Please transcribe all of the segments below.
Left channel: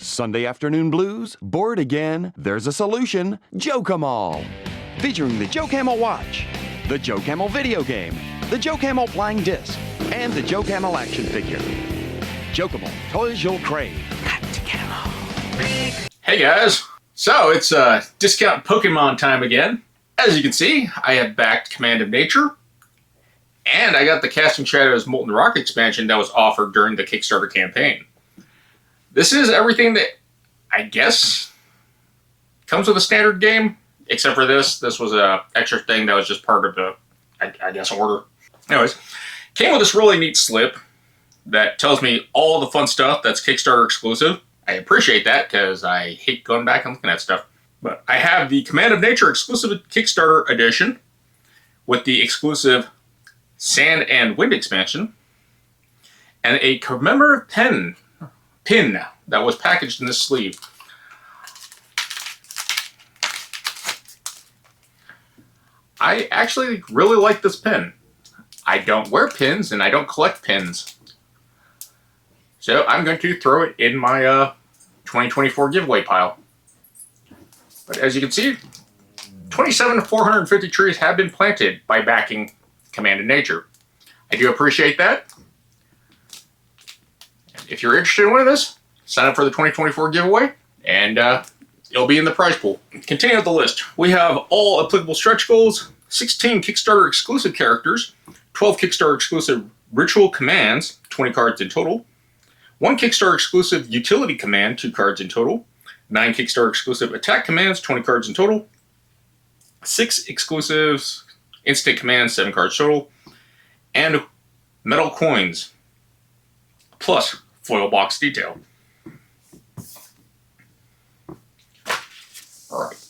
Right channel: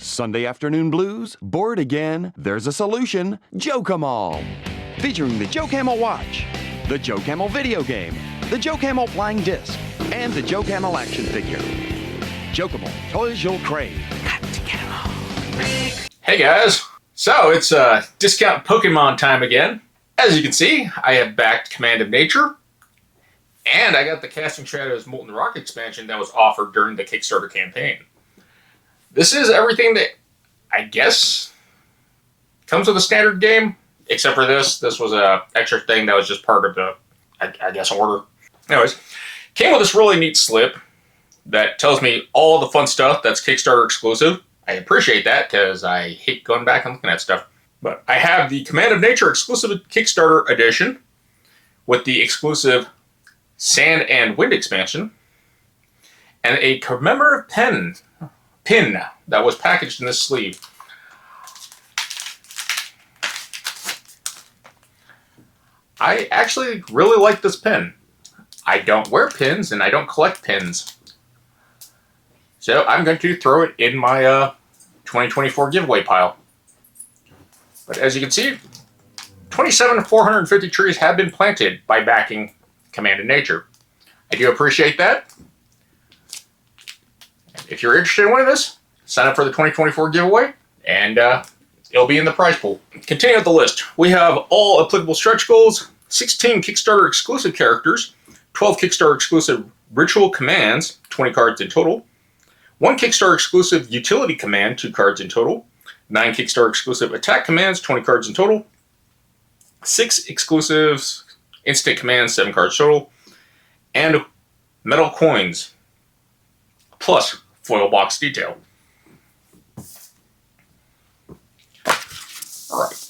Sunday afternoon blues? Bored again? There's a solution. Jokmal. Featuring the jokmal watch, the jokmal video game, the jokmal flying disc, and the jokmal action figure. Jokmal, toys you'll crave. Got to get 'em all. Hey guys, so it's discount Pokemon time again. As you can see, I have backed Command of Nature, and I got the Casting Shadows Molten Rock expansion that was offered during the Kickstarter campaign. This is everything that, I guess, comes with a standard game, except for this. This was a extra thing that was just part of the, I guess, order. Anyways, came with this really neat slip that tells me all the fun stuff that's Kickstarter exclusive. I appreciate that because I hate going back and looking at stuff. But I have the Command of Nature exclusive Kickstarter edition with the exclusive Sand and Wind expansion and a commemorative pin that was packaged in this sleeve. I actually really like this pin. I don't wear pins and I don't collect pins. So I'm going to throw it in my 2024 giveaway pile. But as you can see, 27,450 trees have been planted by backing Command of Nature. I do appreciate that. If you're interested in one of this, sign up for the 2024 giveaway, and it'll be in the prize pool. Continuing with the list, we have all applicable stretch goals, 16 Kickstarter exclusive characters, 12 Kickstarter exclusive ritual commands, 20 cards in total, 1 Kickstarter exclusive utility command, 2 cards in total, 9 Kickstarter exclusive attack commands, 20 cards in total, 6 exclusive instant commands, 7 cards total, and metal coins, plus foil box detail. Alright.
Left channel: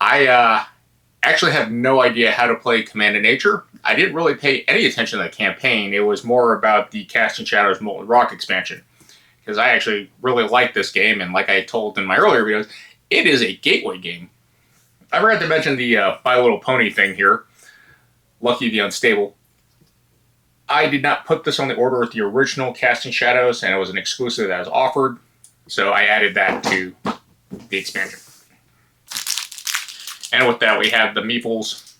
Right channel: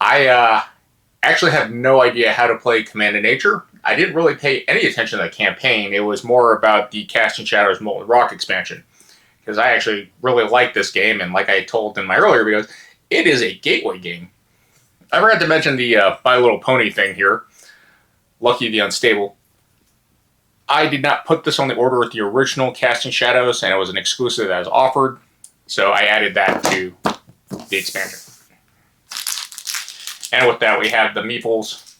I actually have no idea how to play Command of Nature. I didn't really pay any attention to the campaign. It was more about the Casting Shadows Molten Rock expansion. Because I actually really like this game, and like I told in my earlier videos, it is a gateway game. I forgot to mention the My Little Pony thing here. Lucky the Unstable. I did not put this on the order with the original Casting Shadows, and it was an exclusive that was offered, so I added that to the expansion. And with that, we have the Meeples.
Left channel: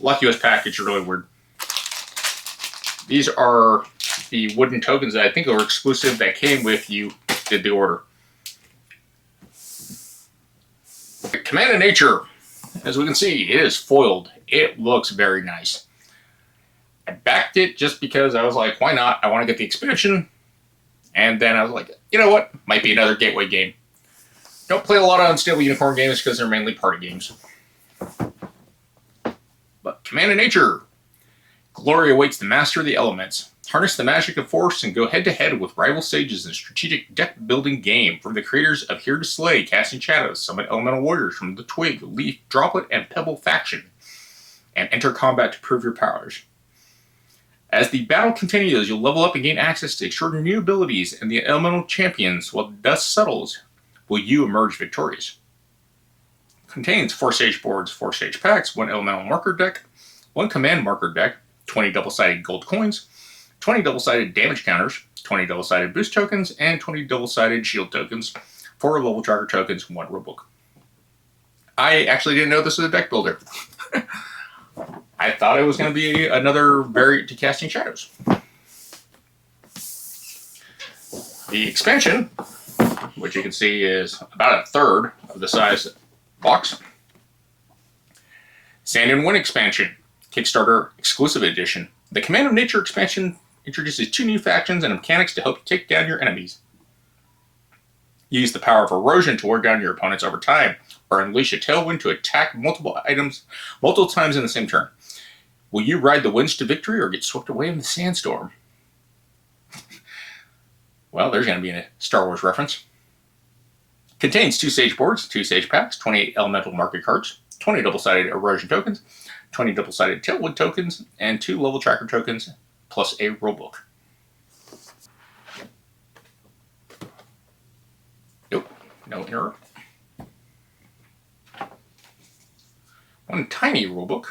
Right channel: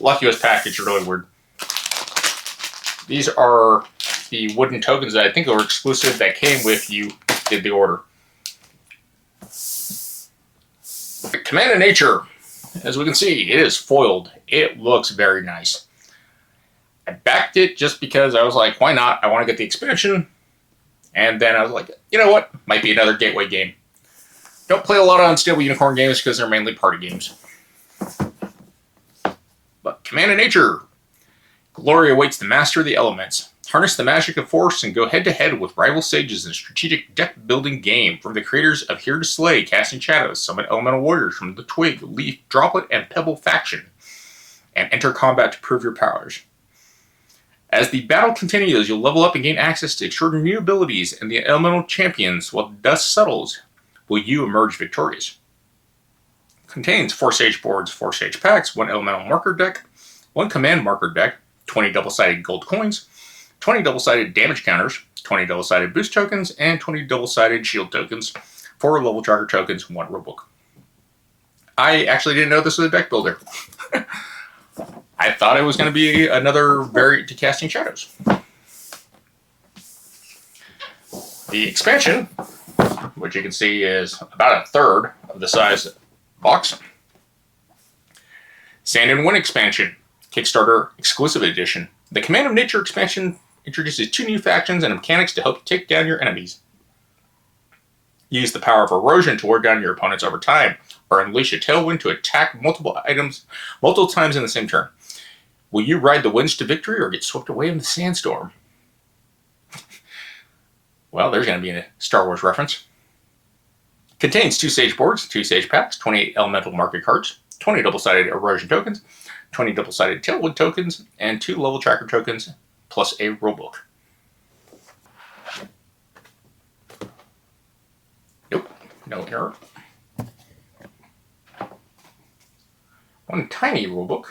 Lucky was packaged really weird. These are the wooden tokens that I think are exclusive that came with you did the order. Command of Nature, as we can see, it is foiled. It looks very nice. I backed it just because I was like, why not? I want to get the expansion. And then I was like, you know what? Might be another gateway game. Don't play a lot of Unstable Unicorn games because they're mainly party games. But Command of Nature. Glory awaits the master of the elements. Harness the magic of force and go head-to-head with rival sages in a strategic deck-building game from the creators of Here to Slay, Casting Shadows. Summon elemental warriors from the Twig, Leaf, Droplet, and Pebble faction. And enter combat to prove your powers. As the battle continues, you'll level up and gain access to extraordinary new abilities and the elemental champions. While the dust settles, will you emerge victorious? Contains 4 stage boards, 4 stage packs, 1 elemental marker deck, 1 command marker deck, 20 double-sided gold coins, 20 double-sided damage counters, 20 double-sided boost tokens, and 20 double-sided shield tokens, 4 level tracker tokens, 1 rulebook. I actually didn't know this was a deck builder. I thought it was going to be another variant to Casting Shadows. The expansion, which you can see is about a third of the size box. Sand and Wind expansion, Kickstarter exclusive edition. The Command of Nature expansion introduces 2 new factions and mechanics to help take down your enemies. Use the power of erosion to wear down your opponents over time, or unleash a tailwind to attack multiple items multiple times in the same turn. Will you ride the winds to victory or get swept away in the sandstorm? Well, there's going to be a Star Wars reference. Contains 2 stage boards, 2 stage packs, 28 elemental market cards, 20 double-sided erosion tokens, 20 double-sided tailwind tokens, and 2 level tracker tokens, plus a rulebook. Nope, no error. 1 tiny rulebook.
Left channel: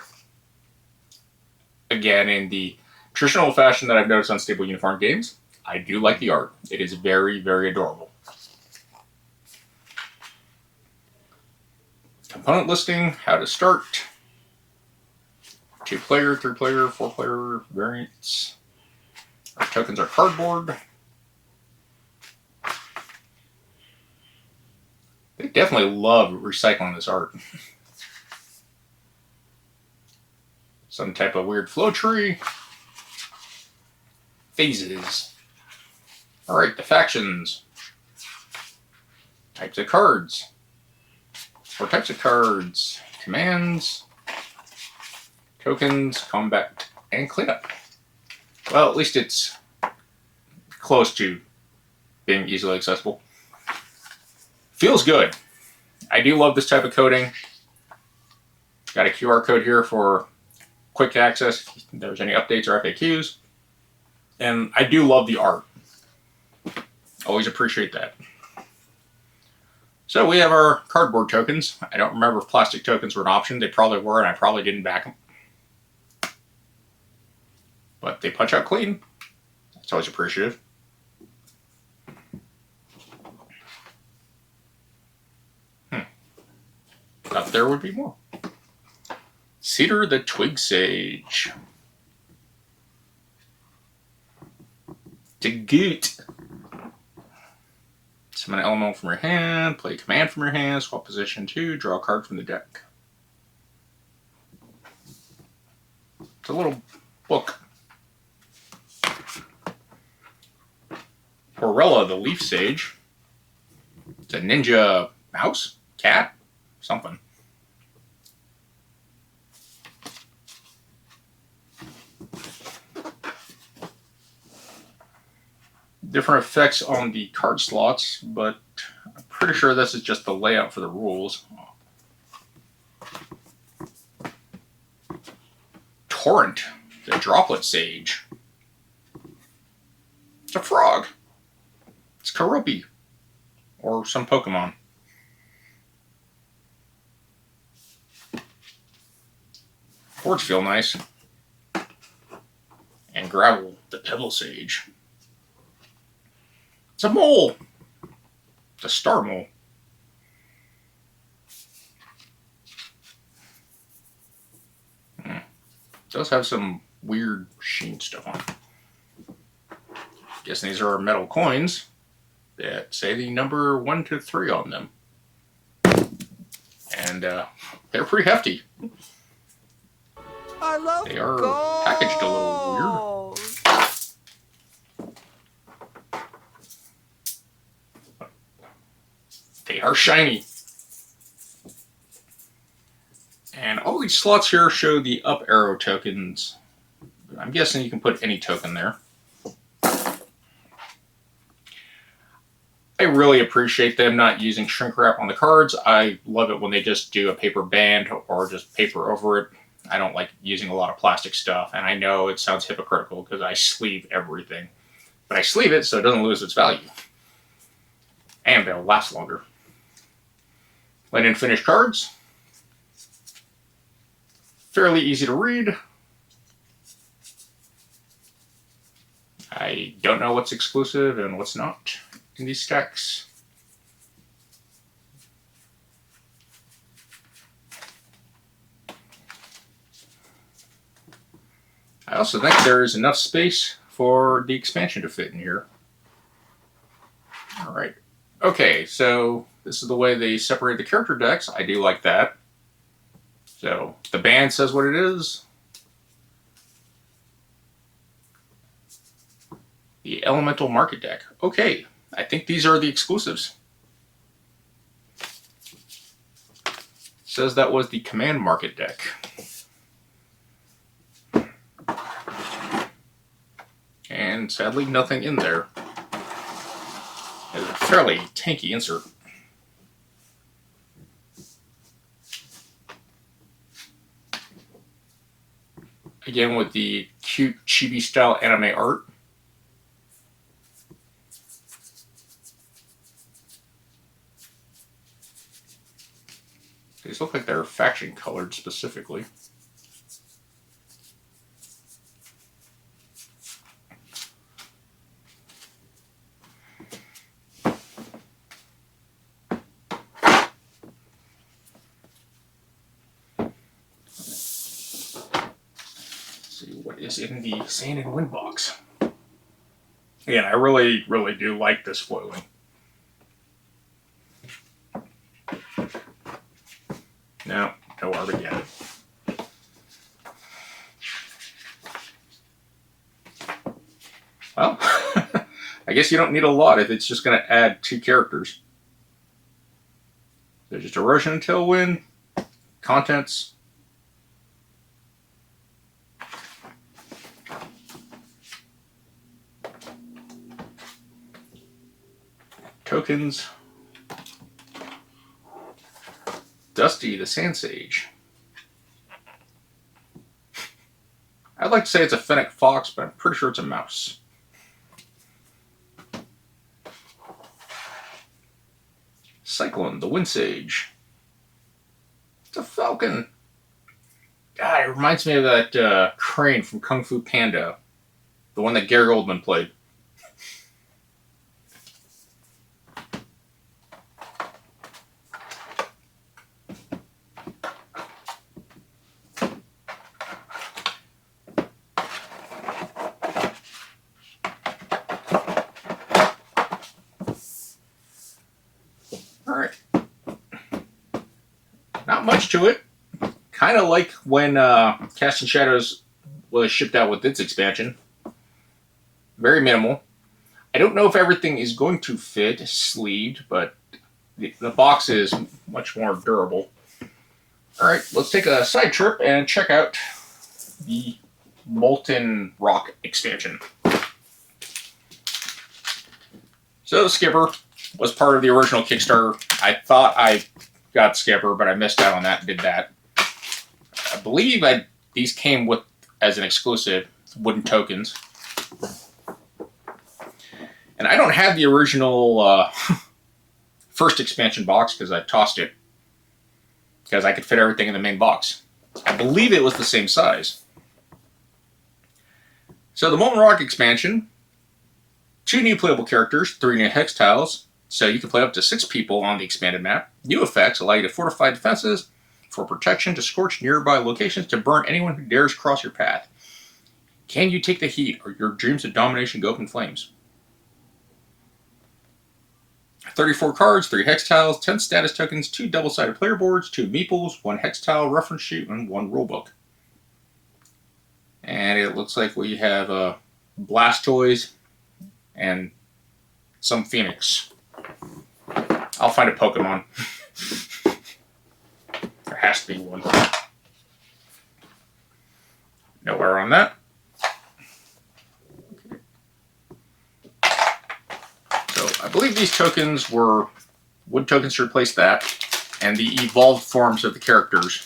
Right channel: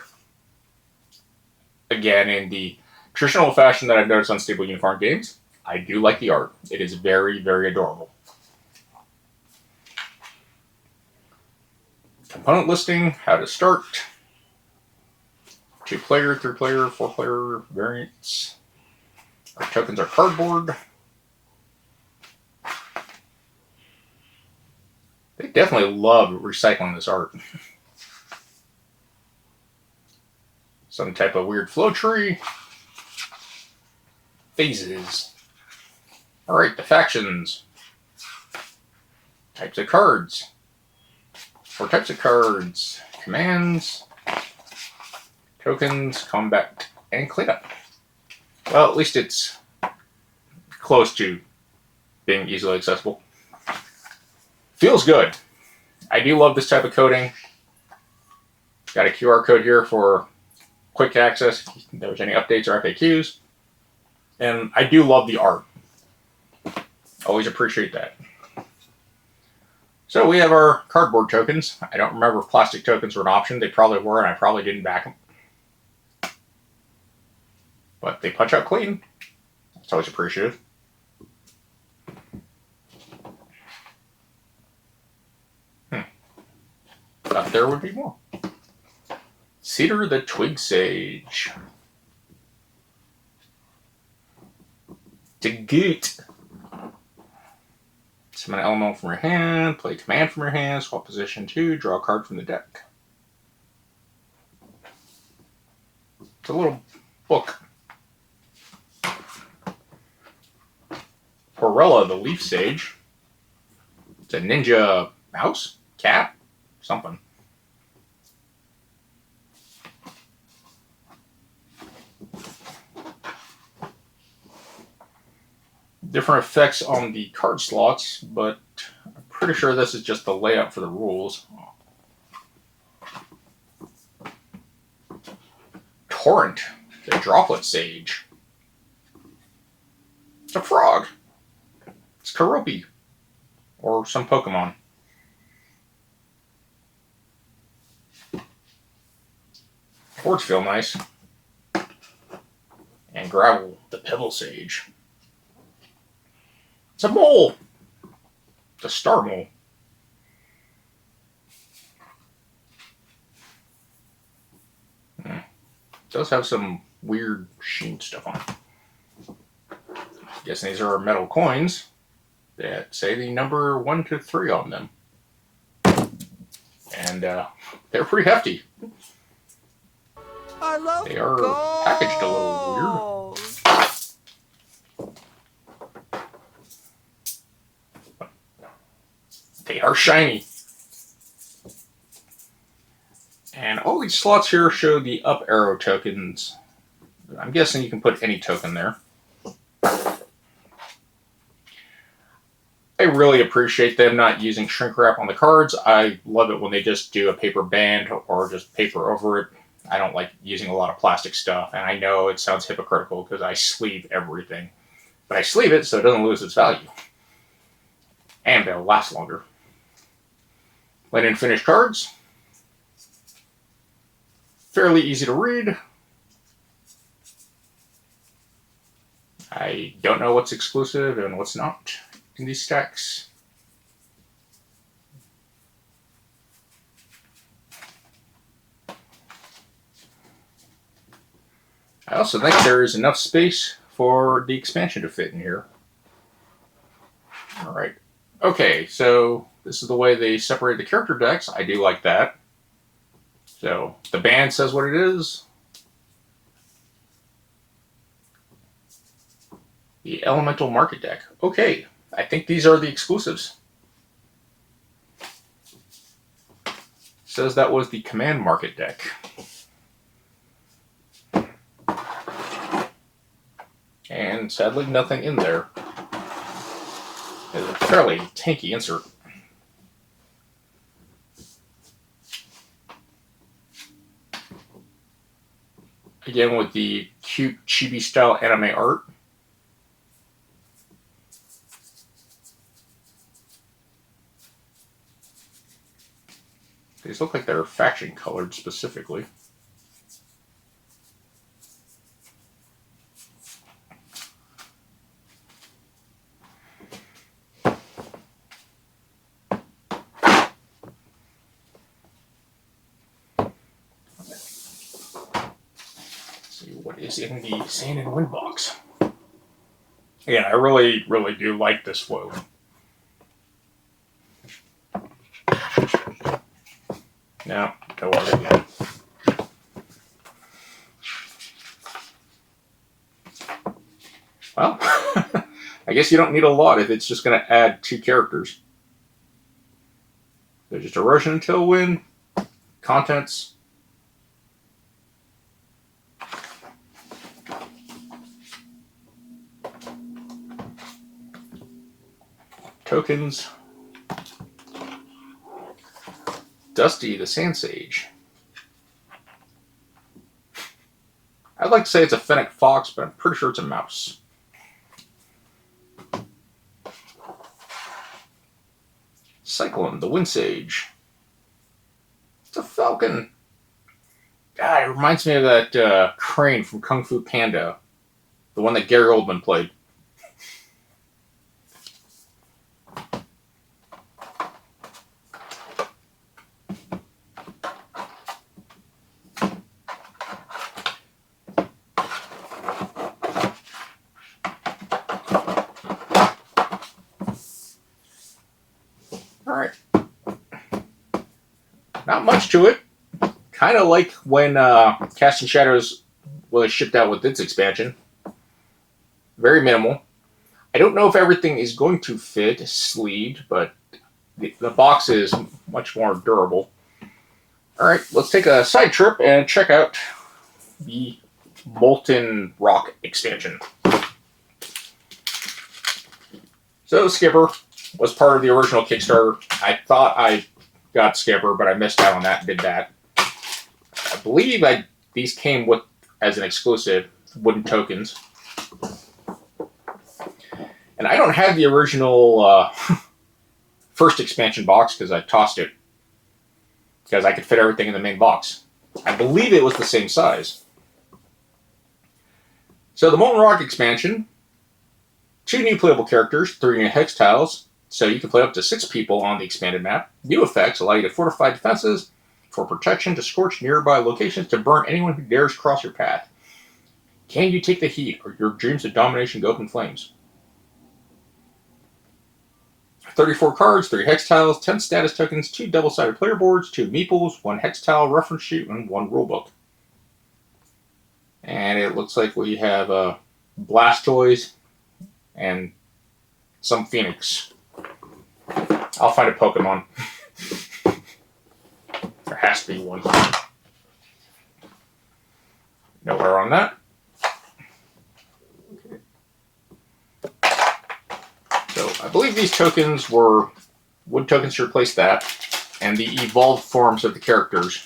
Again, in the traditional fashion that I've noticed on Stable Unicorn games, I do like the art. It is very, very adorable. Component listing, how to start, 2-player, 3-player, 4-player variants. Our tokens are cardboard. They definitely love recycling this art. Some type of weird flow tree. Phases. Alright, the factions. Types of cards. 4 types of cards. Commands. Tokens, combat, and cleanup. Well, at least it's close to being easily accessible. Feels good. I do love this type of coding. Got a QR code here for quick access if there's any updates or FAQs. And I do love the art. Always appreciate that. So we have our cardboard tokens. I don't remember if plastic tokens were an option. They probably were, and I probably didn't back them. But they punch out clean. It's always appreciative. Thought there would be more. Cedar the Twig Sage. Dagoot. Summon an element from your hand, play a command from your hand, swap position 2, draw a card from the deck. It's a little book. Porella the Leaf Sage. It's a ninja mouse? Cat? Something. Different effects on the card slots, but I'm pretty sure this is just the layout for the rules. Torrent, the Droplet Sage. It's a frog. It's Karopi. Or some Pokemon. Boards feel nice. And Gravel, the Pebble Sage. It's a mole. It's a star mole. It does have some weird sheen stuff on it. Guessing these are metal coins that say the number 1 to 3 on them. And they're pretty hefty. I love They are gold. packaged a little weird. They are shiny. And all these slots here show the up arrow tokens. I'm guessing you can put any token there. I really appreciate them not using shrink wrap on the cards. I love it when they just do a paper band or just paper over it. I don't like using a lot of plastic stuff, and I know it sounds hypocritical because I sleeve everything. But I sleeve it so it doesn't lose its value. And they'll last longer. When in finished cards, fairly easy to read. I don't know what's exclusive and what's not in these stacks. I also think there is enough space for the expansion to fit in here. All right. Okay, so this is the way they separate the character decks. I do like that. So the band says what it is. The Elemental Market deck. Okay, I think these are the exclusives. Says that was the Command Market deck. And sadly, nothing in there. It's a fairly tanky insert. Again, with the cute chibi style anime art. These look like they're faction colored specifically. is in the Sand and Wind box. Again, I really, really do like this foiling. No other yet. Well, I guess you don't need a lot if it's just going to add 2 characters. There's just erosion and tailwind, contents. Tokens. Dusty the Sand Sage. I'd like to say it's a fennec fox, but I'm pretty sure it's a mouse. Cyclone, the Wind Sage. It's a falcon. God, it reminds me of that crane from Kung Fu Panda. The one that Gary Oldman played. Alright. Not much to it. Kind of like when Casting Shadows was shipped out with its expansion. Very minimal. I don't know if everything is going to fit sleeved, but the box is much more durable. Alright, let's take a side trip and check out the Molten Rock expansion. So the Skipper was part of the original Kickstarter. I thought I got Skipper, but I missed out on that and did that. I believe these came with, as an exclusive, wooden tokens. And I don't have the original first expansion box because I tossed it. Because I could fit everything in the main box. I believe it was the same size. So the Molten Rock expansion, 2 new playable characters, 3 new hex tiles, so you can play up to 6 people on the expanded map. New effects allow you to fortify defenses for protection, to scorch nearby locations, to burn anyone who dares cross your path. Can you take the heat, or your dreams of domination go up in flames? 34 cards, 3 hex tiles, 10 status tokens, 2 double-sided player boards, 2 meeples, 1 hex tile reference sheet, and 1 rulebook. And it looks like we have Blastoise and some Phoenix. I'll find a Pokemon. There has to be one. Nowhere on that. So I believe these tokens were wood tokens to replace that, and the evolved forms of the characters.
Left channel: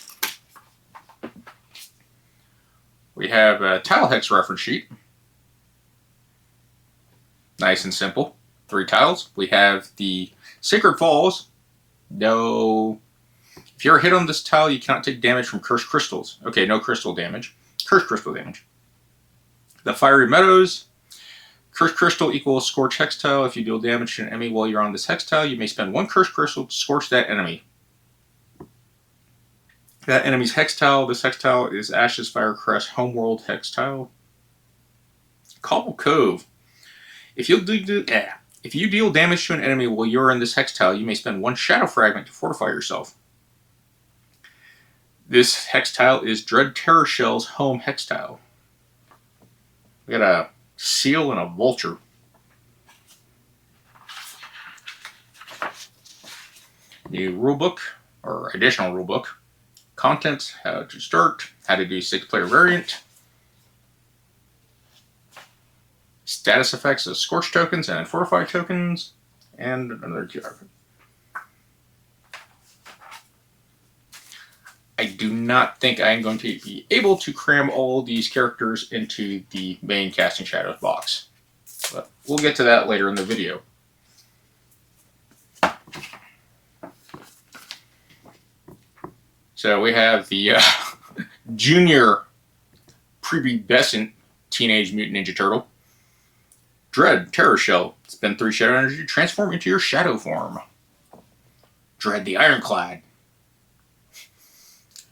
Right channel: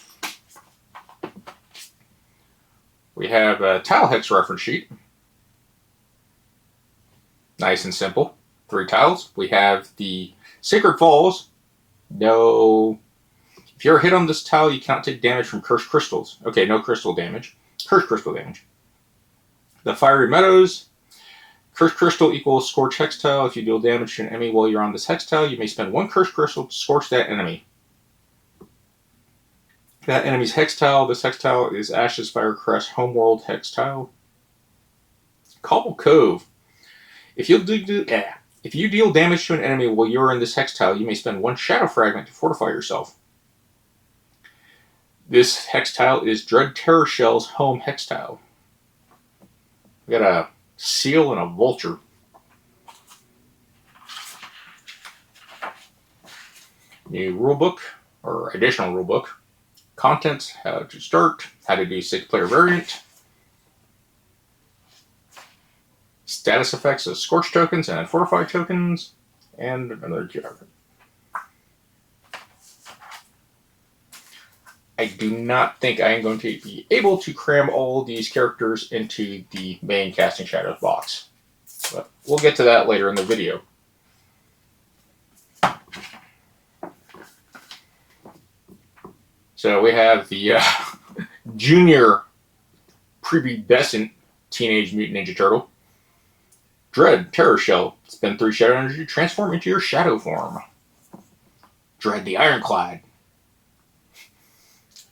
We have a tile hex reference sheet. Nice and simple. 3 tiles. We have the Sacred Falls. No. If you're hit on this tile, you cannot take damage from cursed crystals. Okay, no crystal damage. Cursed crystal damage. The Fiery Meadows. Cursed crystal equals scorch hex tile. If you deal damage to an enemy while you're on this hex tile, you may spend 1 cursed crystal to scorch that enemy. That enemy's hex tile. This hex tile is Ash's Firecrest Homeworld hex tile. Cobble Cove. If you deal damage to an enemy while you're in this hex tile, you may spend 1 shadow fragment to fortify yourself. This hex tile is Dread Terror Shell's home hex tile. We got a seal and a vulture. New rulebook, or additional rulebook. Contents, how to start, how to do 6-player variant. Status effects of Scorch tokens and Fortify tokens, and another card. I do not think I'm going to be able to cram all of these characters into the main Casting Shadows box. But we'll get to that later in the video. So we have the junior prepubescent Teenage Mutant Ninja Turtle. Dread Terror Shell. Spend 3 shadow energy to transform into your shadow form. Dread the Ironclad.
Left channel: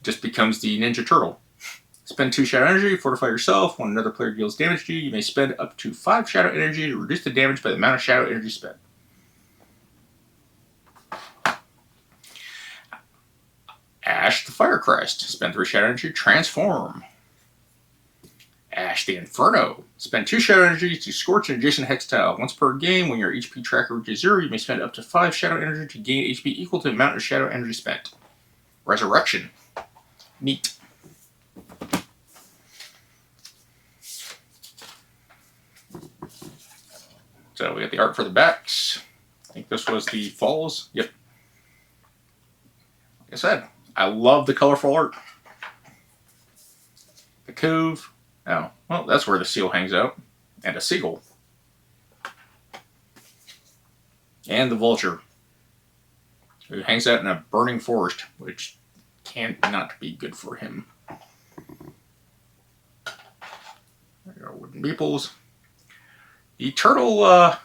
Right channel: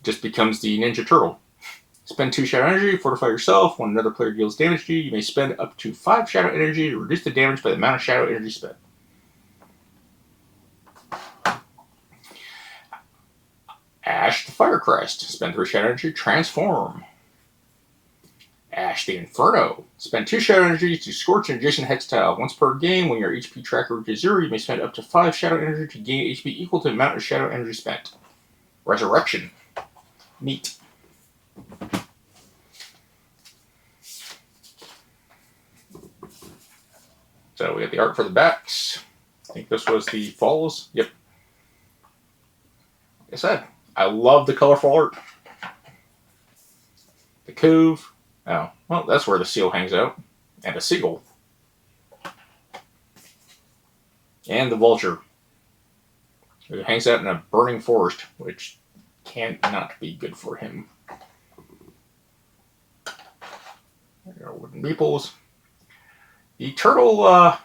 Just becomes the Ninja Turtle. Spend 2 shadow energy, fortify yourself. When another player deals damage to you, you may spend up to 5 shadow energy to reduce the damage by the amount of shadow energy spent. Ash the Fire Crest. Spend 3 shadow energy, transform. Ash the Inferno. Spend 2 shadow energy to scorch an adjacent hex tile. Once per game, when your HP tracker reaches 0, you may spend up to 5 shadow energy to gain HP equal to the amount of shadow energy spent. Resurrection. Neat. So we got the art for the backs. I think this was the falls. Yep. Like I said, I love the colorful art. The cove. Oh, well, that's where the seal hangs out. And a seagull. And the vulture. So he hangs out in a burning forest, which can't not be good for him. There are wooden meeples. The turtle,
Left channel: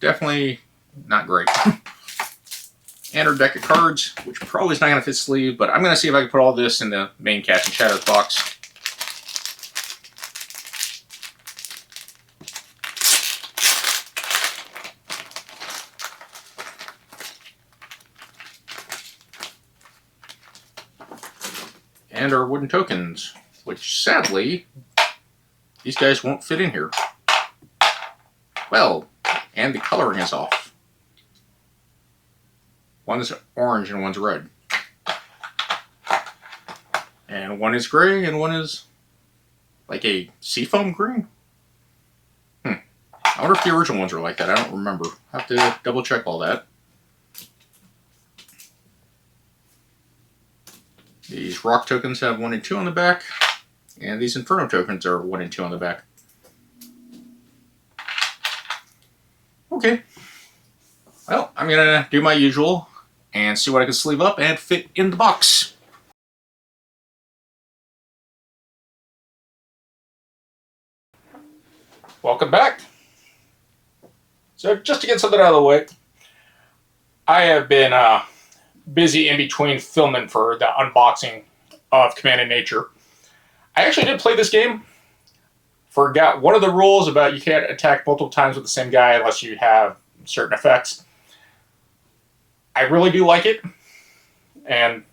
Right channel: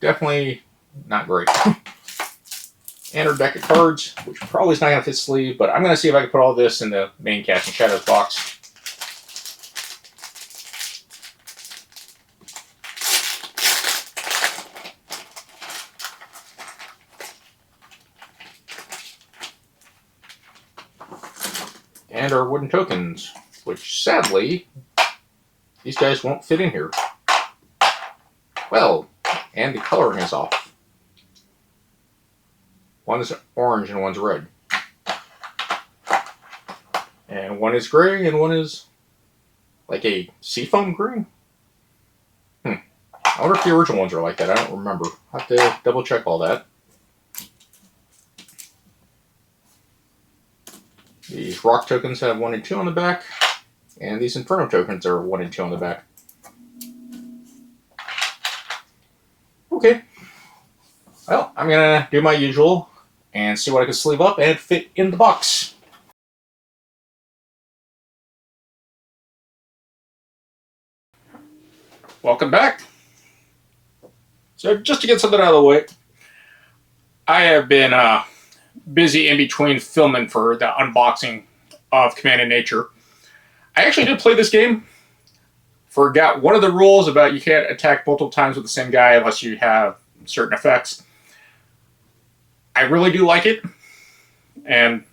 definitely not great. And our deck of cards, which probably is not going to fit sleeve, but I'm going to see if I can put all this in the main Casting Shadows box. And our wooden tokens, which sadly, these guys won't fit in here. Well, and the coloring is off. One is orange and one's red. And one is gray and one is like a seafoam green. I wonder if the original ones are like that. I don't remember. I'll have to double check all that. These rock tokens have 1 and 2 on the back. And these Inferno tokens are 1 and 2 on the back. Okay. Well, I'm going to do my usual and see what I can sleeve up and fit in the box. Welcome back. So just to get something out of the way, I have been busy in between filming for the unboxing of Command & Nature. I actually did play this game. Forgot one of the rules about you can't attack multiple times with the same guy unless you have certain effects. I really do like it, and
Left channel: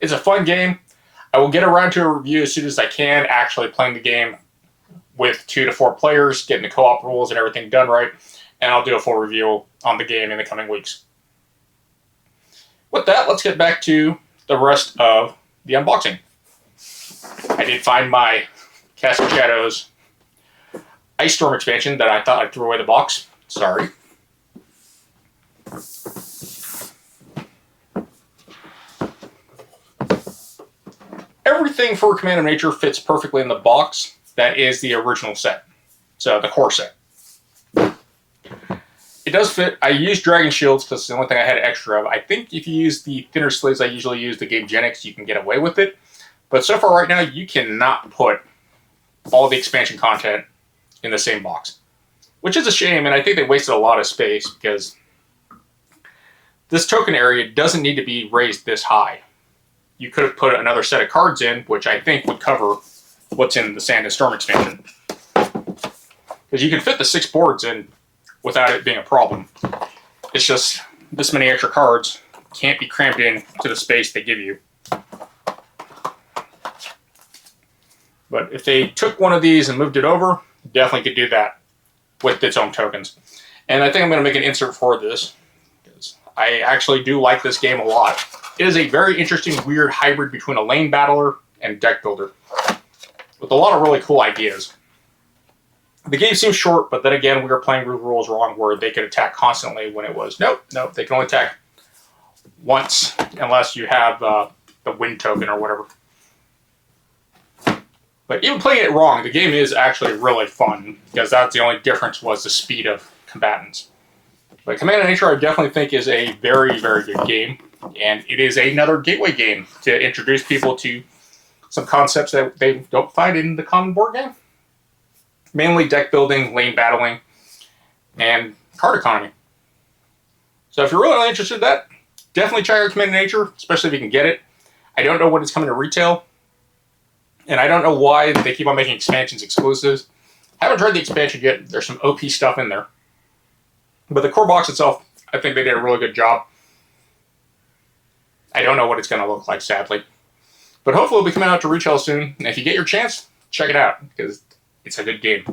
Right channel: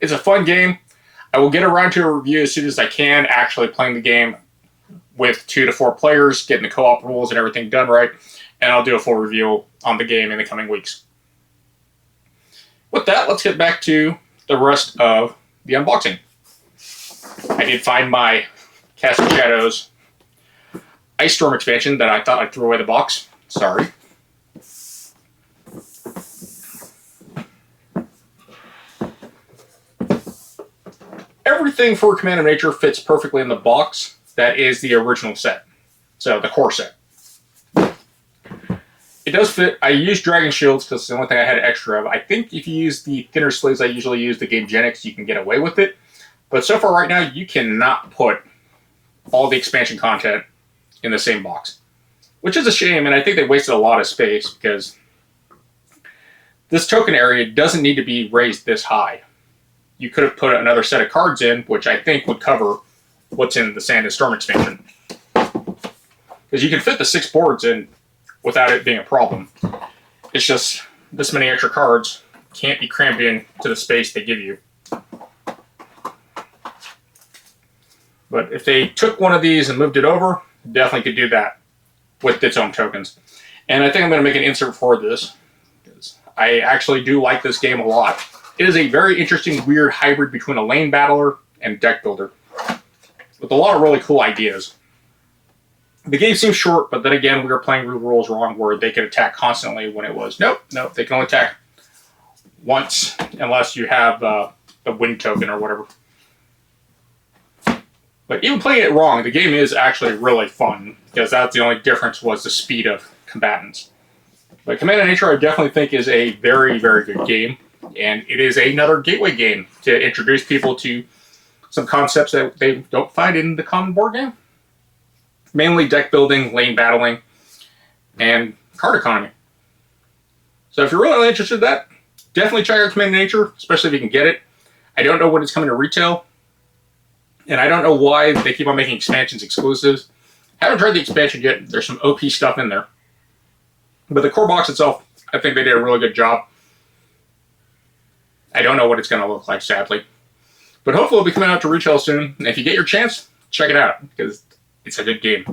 it's a fun game. I will get around to a review as soon as I can, actually playing the game with 2 to 4 players, getting the co-op rules and everything done right, and I'll do a full review on the game in the coming weeks. With that, let's get back to the rest of the unboxing. I did find my Casting Shadows Ice Storm expansion that I thought I'd throw away the box. Sorry. Everything for Command & Nature fits perfectly in the box. That is the original set. So the core set. It does fit. I used Dragon Shields because it's the only thing I had extra of. I think if you use the thinner sleeves I usually use, the Game Genics, you can get away with it. But so far right now, you cannot put all the expansion content in the same box. Which is a shame, and I think they wasted a lot of space because this token area doesn't need to be raised this high. You could have put another set of cards in, which I think would cover what's in the Sand and Storm expansion. Because you can fit the 6 boards in without it being a problem. It's just this many extra cards can't be crammed in to the space they give you. But if they took one of these and moved it over, definitely could do that with its own tokens. And I think I'm going to make an insert for this, because I actually do like this game a lot. It is a very interesting, weird hybrid between a lane battler and deck builder, with a lot of really cool ideas. The game seems short, but then again, we were playing the rules wrong, where they could attack constantly when it was, nope, they can only attack once, unless you have the wind token or whatever. But even playing it wrong, the game is actually really fun, because that's the only difference was the speed of combatants. But Command & Nature I definitely think is a very, very good game, and it is another gateway game to introduce people to some concepts that they don't find in the common board game. Mainly deck building, lane battling, and card economy. So if you're really interested in that, definitely check out Command & Nature, especially if you can get it. I don't know when it's coming to retail. And I don't know why they keep on making expansions exclusives. I haven't tried the expansion yet. There's some OP stuff in there. But the core box itself, I think they did a really good job. I don't know what it's going to look like, sadly. But hopefully it'll be coming out to retail soon. And if you get your chance, check it out, because it's a good game.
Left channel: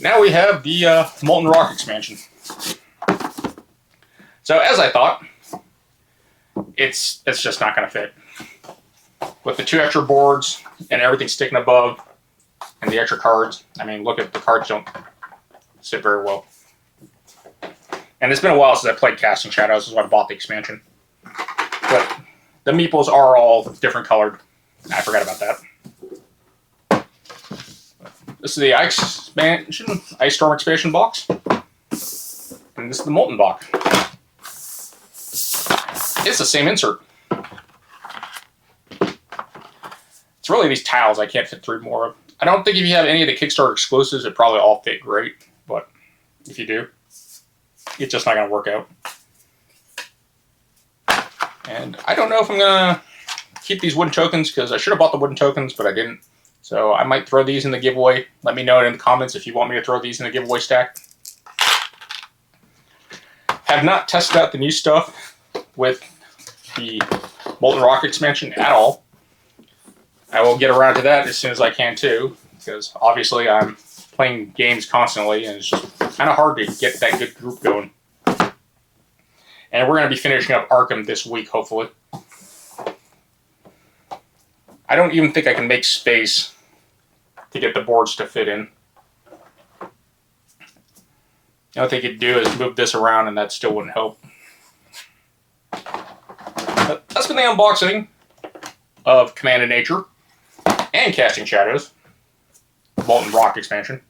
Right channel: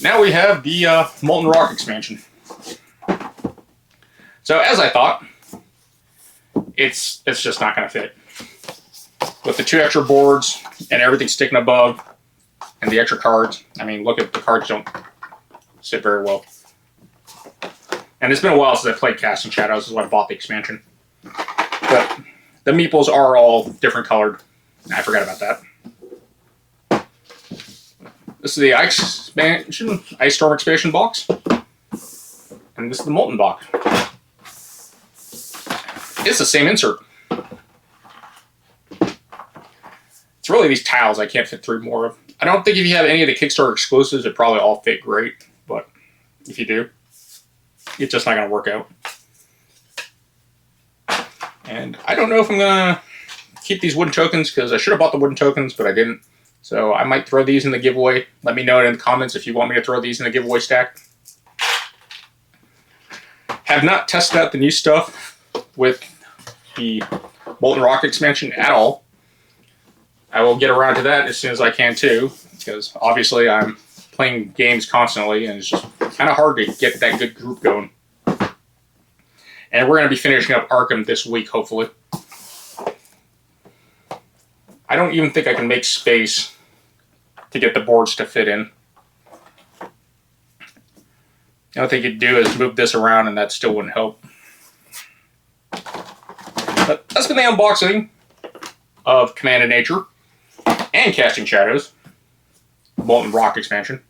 Now we have the Molten Rock expansion. So as I thought, it's just not going to fit. With the 2 extra boards and everything sticking above and the extra cards, I mean, look at the cards don't sit very well. And it's been a while since I played Casting Shadows, so I bought the expansion. But the meeples are all different colored. I forgot about that. This is the Ice Storm expansion box. And this is the Molten box. It's the same insert. It's really these tiles I can't fit through more of. I don't think if you have any of the Kickstarter exclusives, it probably all fit great. But if you do, it's just not going to work out. And I don't know if I'm going to keep these wooden tokens, because I should have bought the wooden tokens, but I didn't. So I might throw these in the giveaway. Let me know in the comments if you want me to throw these in the giveaway stack. Have not tested out the new stuff with the Molten Rock expansion at all. I will get around to that as soon as I can too, because obviously I'm playing games constantly and it's just kind of hard to get that good group going. And we're going to be finishing up Arkham this week, hopefully. I don't even think I can make space to get the boards to fit in. The only thing you could do is move this around, and that still wouldn't help. But that's been the unboxing of Command of Nature and Casting Shadows, Molten Rock expansion.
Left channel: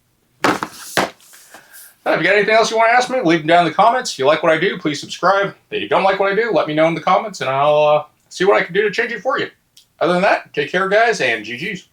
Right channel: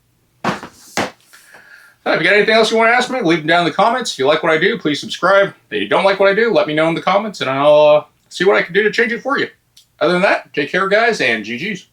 If you got anything else you want to ask me, leave them down in the comments. If you like what I do, please subscribe. If you don't like what I do, let me know in the comments, and I'll see what I can do to change it for you. Other than that, take care, guys, and GG's.